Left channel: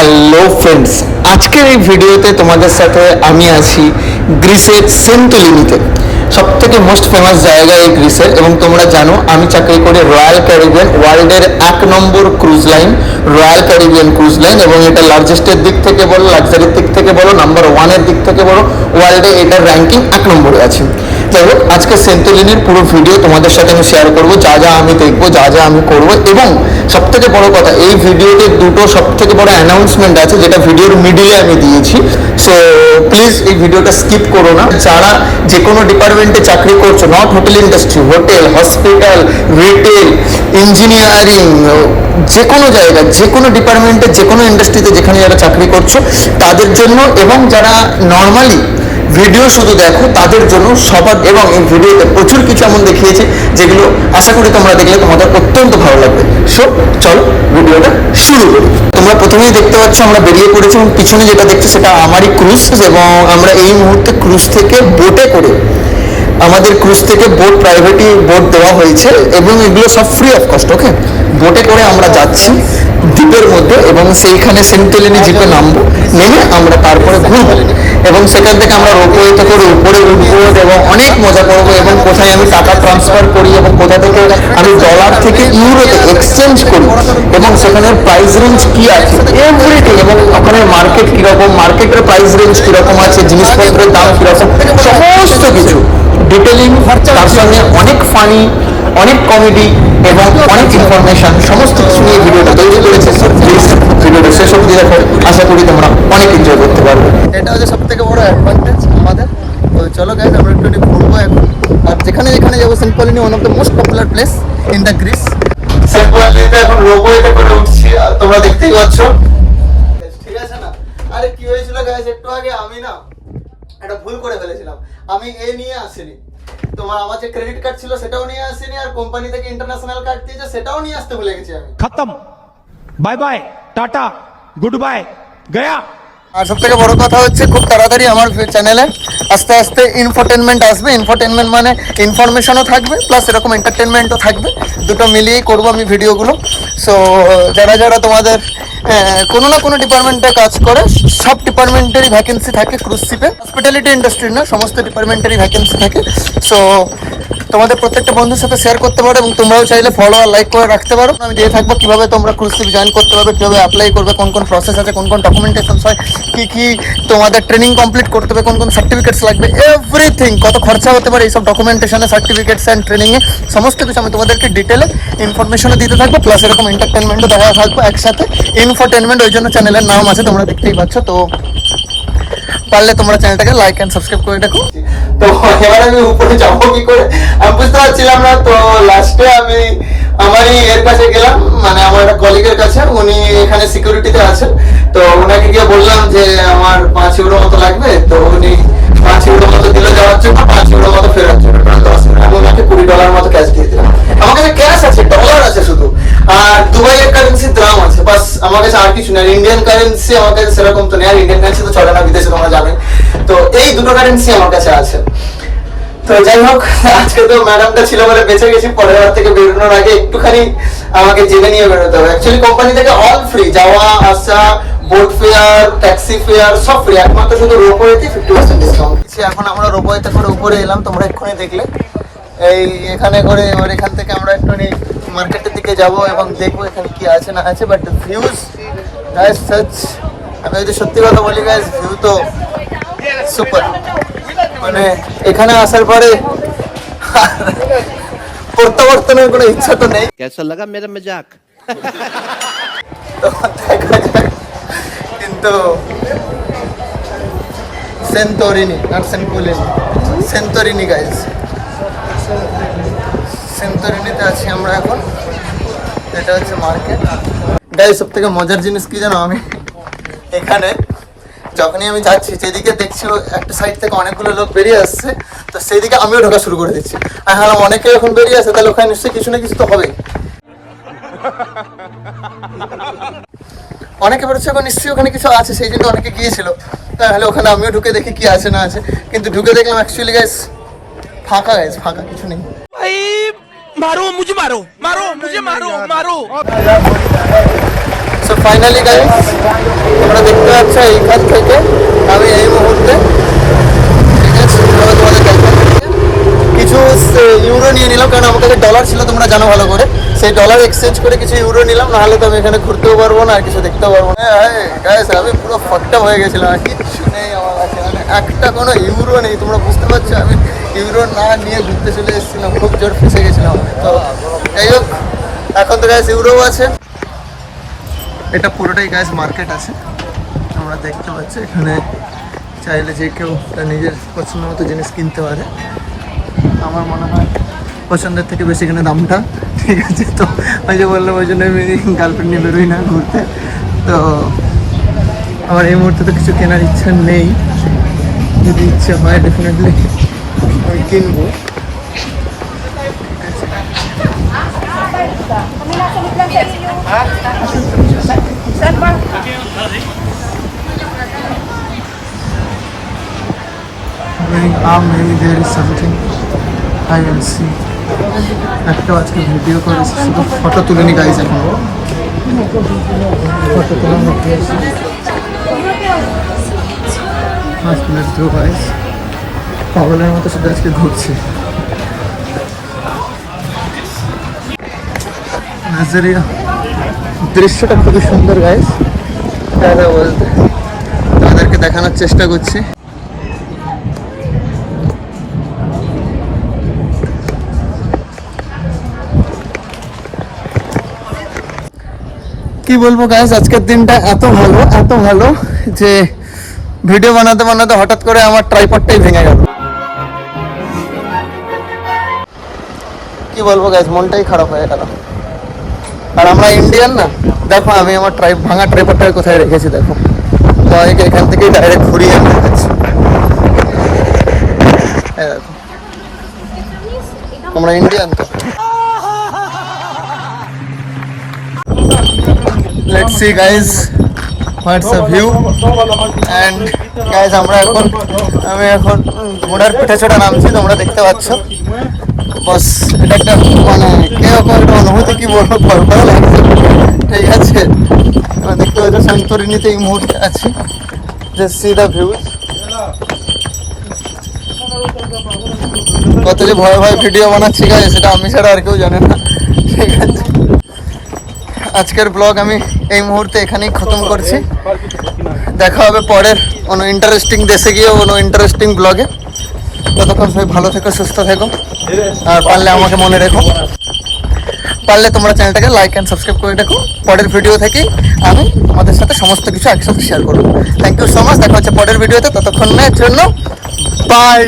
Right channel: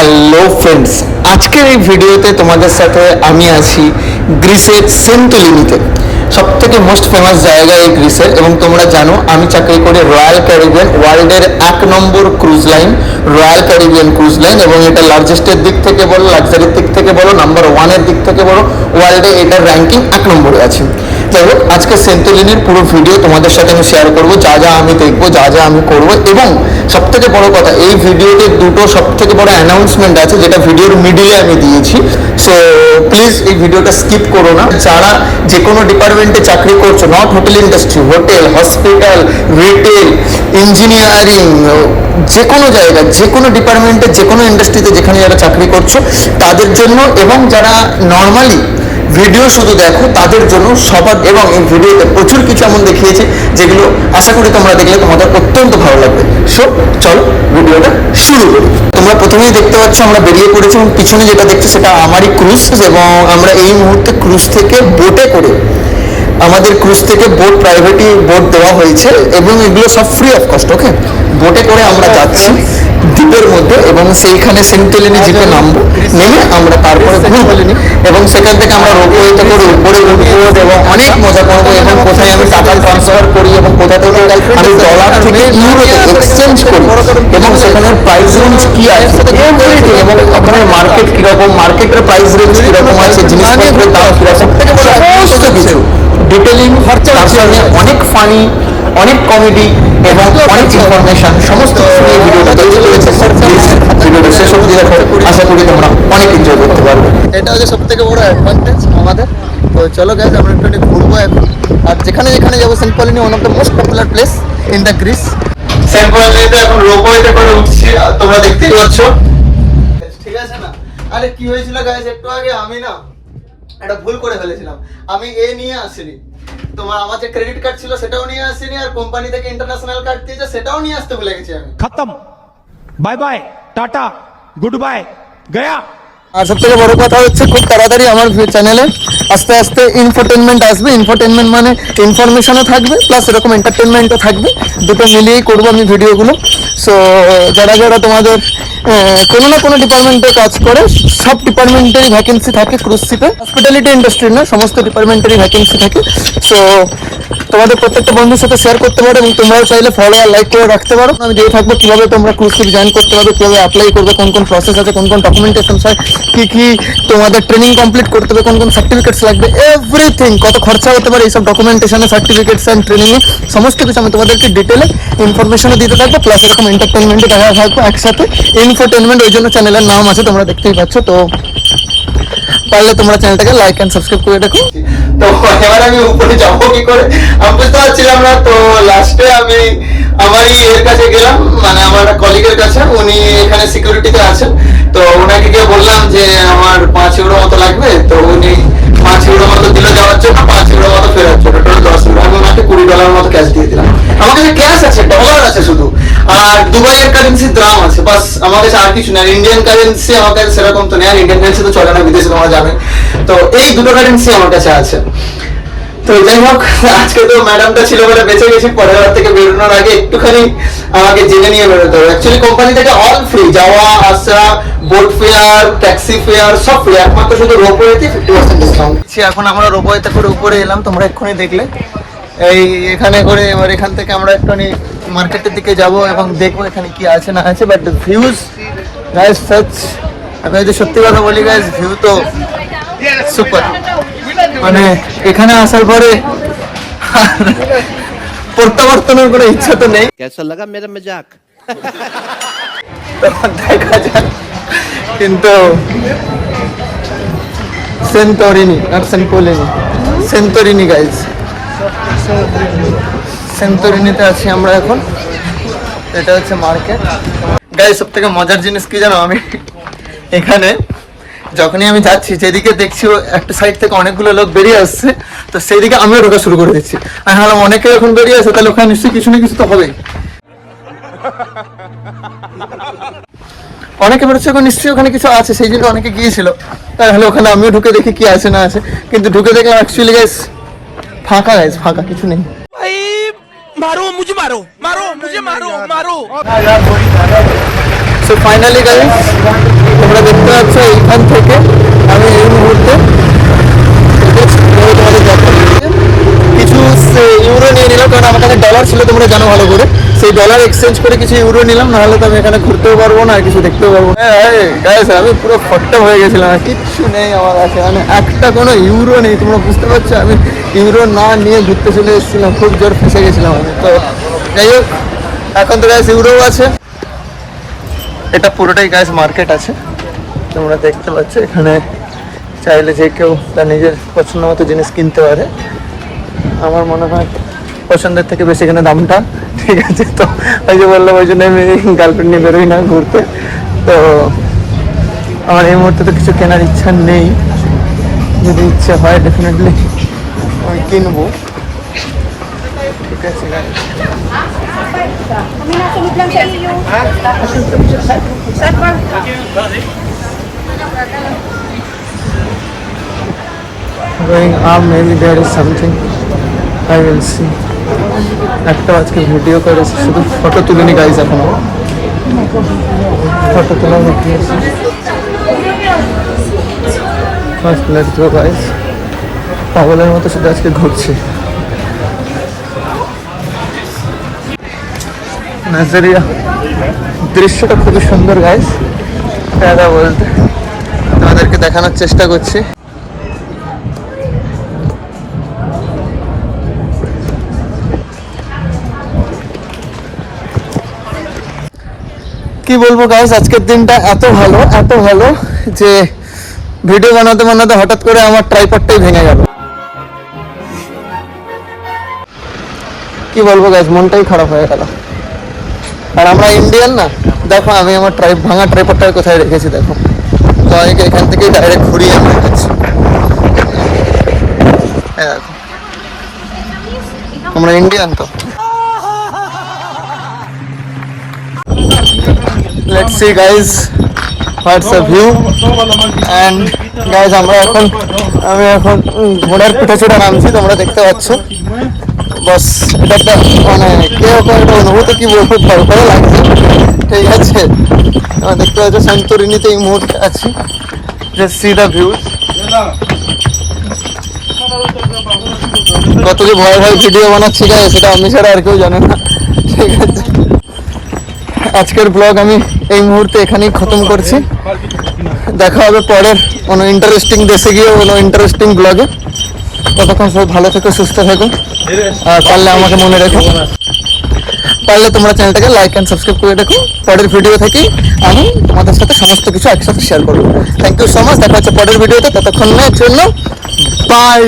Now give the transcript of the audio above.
Hello friends, আজকের এই ভিডিওতে তোমাদের সাথে আমি আছি গ্রিসের সেন্টোরিনিতে। সব থেকে মোস্ট ফেমাস জায়গা এই গ্রিসের, এবং তোমরা জানো আমি চাকরি করি রয়্যাল ক্যারিবিয়ান, ওয়ার্ল্ডের 1 নম্বর cruise line Royal Caribbean cruise line, এবং এটা লার্জেস্টের দিক থেকে বলো, লাক্সারির দিক থেকে বলো, নাম্বার 1-এর দিক থেকে বলো, ওয়ার্ল্ডে এটার র্যাঙ্কিং 1 নম্বরে আছে। যাই হোক, আজকে সেন্টোরিনির পুরো ভিডিও তোমাদের সাথে আমি শেয়ার করবো, যা যা আমি দেখবো, যা যা আমি করবো। এবং সব থেকে বড় কথা, এই ভিডিওতে দুটো সব থেকে বড় অ্যানাউন্সমেন্ট আছে, যেটা ভিডিওর মিডিলে আমি দিয়েছি। সো প্লিজ এই ভিডিওটা স্কিপ করো না। যারা যে কোনো ডিপার্টমেন্টে চাকরি করছো, not hotel industry, hotel, hospital, retail, engineering, যে কোনো জায়গা, যে কোনো ডিপার্টমেন্টে, যে কোনো ইন্ডাস্ট্রিতে যেখানে যারা চাকরি করছো তাদের জন্য, এবং যারা নর্মালি ভিডিও শুধু দেখো তাদের জন্য সবার। এবং এই ভিডিওতে প্রচুর কিছু এমন দেখিয়েছে যেগুলো আশা করি তোমরা দেখলে তোমাদের অত্যন্ত ভালো লাগবে। সো চলো ভিডিওটা শুরু করি। তোমরা প্রথমেই দেখতে পাচ্ছ আমরা বেরিয়ে পড়েছি, এবং পিছনে যেটা দেখছো সেটা আমারই ক্রুজ, এবং আমরা এই মুহূর্তে ক্রুজ থেকে বোটে করে, আমাদের ক্রুজ থেকে বোট, প্রাইভেটই বোট দেওয়া হয়েছে, এবং এগুলো সব ফ্রি অফ কস্ট। ওকে, বোটে করে আমরা যাচ্ছি দ্বীপের মধ্যে, এবং সেইখানে সেন্টোরিনি দ্বীপে নামবো, নেমে আমরা তারপরে ঘুরবো, এবং সেখান থেকে আমরা রোপওয়েতে করে উপরে উঠবো এবং অনেক মজা করবো। এবং কোথায় আমি টাকা ট্রান্সফার করি, এবং কোথা থেকে আমি ডলার থেকে ইউরোতে এক্সচেঞ্জ করি, এবং সেখানের প্রাইস রেঞ্জ কি আছে, এভরিথিং, এবং ওখানে মার্কেট কীরকম, মার্কেটের প্রাইস রেঞ্জ কীরকম আছে, জিনিসপত্রের দাম কীরকম, সমস্ত কিছু ডিটেলিং, তার সঙ্গে অনেক ফানি, অনেক কমেডি এবং অনেক ইনফরমেশন, সমস্ত কিছু নিয়ে ভিডিওটা তৈরি করেছে। প্লিজ ভিডিওটা শেষ অবধি দেখো, আশা করি তোমরা অনেক এনজয় করতে পারবে। এটা হচ্ছে সব থেকে বড় অ্যাডভান্টেজ আমাদের। তো চলো গাইজ, আমরা একটু ঘুরবো এখন। আর যেখানে যেখানে যাবো, Santorini one of the most popular place in the Greece. সেন্টোরিনিতে এখন রোপওয়েতে করে উঠছি, তোমরা দেখতেই পাচ্ছ। ঠিক আছে না? আরে কি হয়েছিল গাইজ, একটু আগে আমি না একটা ভুল করে ফেলেছিলাম। আমি নিয়ে আসিনি, তোমার আমার যে ক্রেডিট কার্ড ছিল সেটাও নিয়ে আসিনি, আর কোম্পানি থেকে ইন্টারন্যাশনাল কার্ড দিয়েছে সেটাও নিয়ে আসতে ভুলে গেছি আমি। খতম, bye bye, tata, good bye, গয়া। আর সব থেকে বড় কথা হচ্ছে, খুব তাড়াতাড়ি আমার চ্যানেলে আস্তে আস্তে ইনফোটেনমেন্ট আসবে। ইনফোটেনমেন্ট মানে ইনফরমেশনও থাকবে, প্লাস এরকম এন্টারটেনমেন্টও থাকবে, দুটো মিলিয়েই করবো আমি ভিডিওগুলো। সো যারা যারা তোমাদের কোনো না কোনো ডিপার্টমেন্টে কাজ করে, সব ডিপার্টমেন্টেরই ভ্যাকেন্সি থাকে ক্রুজ শিপে, হসপিটালিটি ইন্ডাস্ট্রির না, সমস্ত ডিপার্টমেন্টেরই ভ্যাকেন্সি থাকে। সো তোমাদের প্রত্যেকটা বন্ধুর সাথে শেয়ার করতে পারো, এবং তোমরাও চাইলে ফলো আর লাইক করে রাখতে পারো। আমি দিয়ে থাকবো কীভাবে তোমরা ক্রুজ শিপ জয়েন করতে পারবে, কীভাবে অ্যাপ্লাই করবে, কোন কোন প্রসেস আছে, কোন কোন ডকুমেন্টেশন হয়, কী কী তোমাদের ট্রেনিং কমপ্লিট করতে হবে, কোন কোন সার্টিফিকেটস লাগবে, এভরিথিং, কত খরচা হতে পারে এইসব ডকুমেন্টেশনে, সার্টিফিকেটস অ্যান্ড ট্রেনিংয়ে, সমস্ত কিছু আমি তোমাদেরকে ডিটেলে ইনফরমেশনও দিতে থাকবো, প্লাস এরকম এন্টারটেনমেন্টও দেখা থাকবো একসাথে। ইনফোটেনমেন্ট ওই জন্য চ্যানেলের নাম আছে, তোমরা দেখতেই পাচ্ছ। তো পারলে তোমরা চ্যানেলটাকে লাইক অ্যান্ড সাবস্ক্রাইব করে দেখো। তো এবার আমি উপরে যাবো কি করে আমি বুঝতে পারছিলাম না। তো লাস্টে আমি আমারই এর কাছে গেলাম, মানে আমার কলিগের কাছে, উনি এখানে সিকিউরিটিতে আছেন। তো ওনাকে গিয়ে বললাম যে আমার 5 ইউরো মতো লাগবে। তো উনি 5 ইউরো মতো দিল যাওয়ার জন্য, 5 ইউরো মতো ফেরার জন্য, টোটাল 10 ইউরো। আমি ওনাকে $20 মতো ক্যাশ দিয়ে দিলাম। আমার কাছে ক্যাশ আছে, ডলার আছে শুধু, আর দুবাইয়ের কারেন্সির দাম আছে, বাস। আমার কাছে আর কিছু নেই। ইন্ডিয়ান কারেন্সি আমার কাছে সেরকম তো নেই, আর ইন্ডিয়ান কারেন্সি তো চলে না বিদেশে, তোমরা জানো। তো এই দুটো কারেন্সি আমার কাছে আছে। তো যাই হোক, আজকে তো ম্যাডামটা ছিল বলে বেঁচে গেছি। পরের বার থেকে বেরোনোর আগে একটুখানি আমাকে জেনে নিয়ে বেরোতে হবে। অ্যাকচুয়ালি কোম্পানি থেকে অল ফ্রি, যাওয়া আসা, বোট ফেয়ার, ট্যাক্সি ফেয়ার সব ফ্রি, একমাত্র শুধু রোপওয়েতে 50% ডিসকাউন্ট। এখন আমরা রোপওয়েতে করে উপরে এলাম, তোমরা এক্ষুনি দেখলে। এই এখানে করে এবার এখান থেকে আমরা একটুখানি মার্কেটের দিকে যাব এবং দেখবো এখানে কি আছে না আছে। বাট ভিউজ গাইস সাচ, আমি যদি সত্যি কথা বলি গাইস, ভিউ তো সুপার। মানে এখানে আসার পরে প্রত্যাবর্তনের কোনো ইচ্ছা তো নেই। कैसा लगा मेरा मजाक? তো দেখা যাক। কিন্তু সেন্টোরিনি, নট সেন্টোরিনি, সেন্টোরিনি গাইজ, সেন্টোরিনিতে আছি আমরা এখন। এটা হচ্ছে মার্কেট গাইজ। সব থেকে মজার জিনিস কি জানো, আমি এখানে যখনই আমি যাচ্ছি, যেদিকে দেখছি একটা সাইড থেকে অনেকগুলো লোক বেরিয়ে আসছে, তো সেই দিকে আমিও ঢোকা শুরু করে দিচ্ছি। আমি ভাবলাম অনেকে এখন বেরিয়ে আসে, তাহলে ওখানে নিশ্চয়ই কিছু না কিছু তো হবে। অনেকে বেরোচ্ছে, এখন নিশ্চয়ই ওখানে কিছু আছে, সেই জন্য অনেকে গিয়েছিল। তাহলে ওখানে আমিও ঢুকে দেখি কি আছে না আছে। কিন্তু ঢুকে দেখলাম অ্যাকচুয়ালি গাইস ফাঁকা, গাইস ফাঁকা, কিছু নেই। मारो मुझे, मारो मारो मुझे, मारो मारो। সো ফাইনালি গাইস তোমরা দেখতে পাচ্ছ এইখান থেকে আমি এই মুহূর্তে তোমাদের দেখাচ্ছি কিছু ইউরো নিয়ে নিলাম, কারণ আমার কাছে ডলার ছিল তোমরা জানো ভালো করে। সেই ডলার এক্সচেঞ্জ করে কিছু ইউরো নিলাম, নাহলে তো আমি এখানে ঘুরতেও পারবো না আর কিছু দেখতেও পারবো না। গাইস আমি পুরো ফট্টা হয়ে গেছিলাম, আর কিচ্ছু নেই আমার কাছে, মানে একটা কোনো ইউরো নেই। তোমরা বুঝতে পারছো আমি ইউরো না নিয়ে ঘুরতে চলে এসেছিলাম, খুব জোর ফেসে গেছিলাম আমি। তো যাই হোক, এখন তো গাইস ইউরো আছে। এটা পুরোটাই গাইস মার্কেট আছে, তোমরা দেখতে পাচ্ছ। এখানে চাইলে যে কেউ তার নিজের পছন্দ মতো জিনিস কিনতে পারে। আমার মনে হয় পছন্দের থেকে বেশি এখানে দামটা, ঠিক আছে। তো ওই যে বললাম, ওই জন্য আমি গার্লফ্রেন্ড নিয়ে বেরোই না ঘুরতে। তো আমার এই মুহূর্তে তো কিছু কেনার ইচ্ছা নেই, যদি ইচ্ছে হয় ডেফিনেটলি আমি কিনবো, ঠিক আছে। Going up, maybe there is something. I will see. একটা আজকে ভিডিও করেছি, শুধু ফটো তুলিনি গাইজ, এখনো ফটো তোলা বাকি আছে। First let's go guys. পাগলের মতো শুধু আজকে ঘুরছে। নাজারিয়া দৃশ্যটা খুবই সুন্দর গাইজ, তাই না বলতে তাদেরকে দেখানোর চেষ্টা করছি। কি বলবো গাইস, আজকের দিনটা এত ভালো যে ভিডিও বানাতে বানাতে হঠাৎ করে আমার ট্রাইপডটাই ভেঙে গেল। কি বলবো গাইস, মনটাই খারাপ হয়ে গেল। আর আমরা ইন্ডিয়ান না, দেখো আমি আমার ভাঙা ট্রাইপডটা কোথায় রেখেছি, দেখো তোমাকে এখান থেকেই ডাইরেক্ট ঘুরিয়ে আমি দেখাচ্ছি। দেখো আমরা ইন্ডিয়ান তো। Let's see guys what's the view, and guys আমি এখন ঘোড়ার পিঠে চড়ে নামছি, তোমরা দেখতে পাচ্ছ। বাস এটা একটা মানে কিরকম একটা অনুভূতি, কি বলবো, ভয় লাগছে, ঠিক আছে। তোমরা দেখতে পাচ্ছ সান্তরিনিতে এই মুহূর্তে আছি। Just see the view. কত যে ভয় ভিডিও বানাচ্ছি গাইস, সেটা আমি ছাড়া আর কেউ জানে না, ঠিক আছে। আজকের ব্লগ আমি এই মুহূর্তে এখানেই খতম করছি। দেখা হবে পরের কোনো ইন্টারেস্টিং দেশে গিয়ে কোনো ইন্টারেস্টিং ব্লগে। ততক্ষণ সবাই ভালো থেকো, সুস্থ থেকো, আর পারলে আমাকে মনে রেখো। পারলে তোমরা চ্যানেলটাকে লাইক অ্যান্ড সাবস্ক্রাইব করে রাখো। পরের ভিডিও থেকেই আমি তোমাদের সাথে সমস্ত কিছু একসাথে শেয়ার করবো। Thank you so much. দেখা হচ্ছে পরের ভিডিওতে, ততক্ষণের জন্য বাই।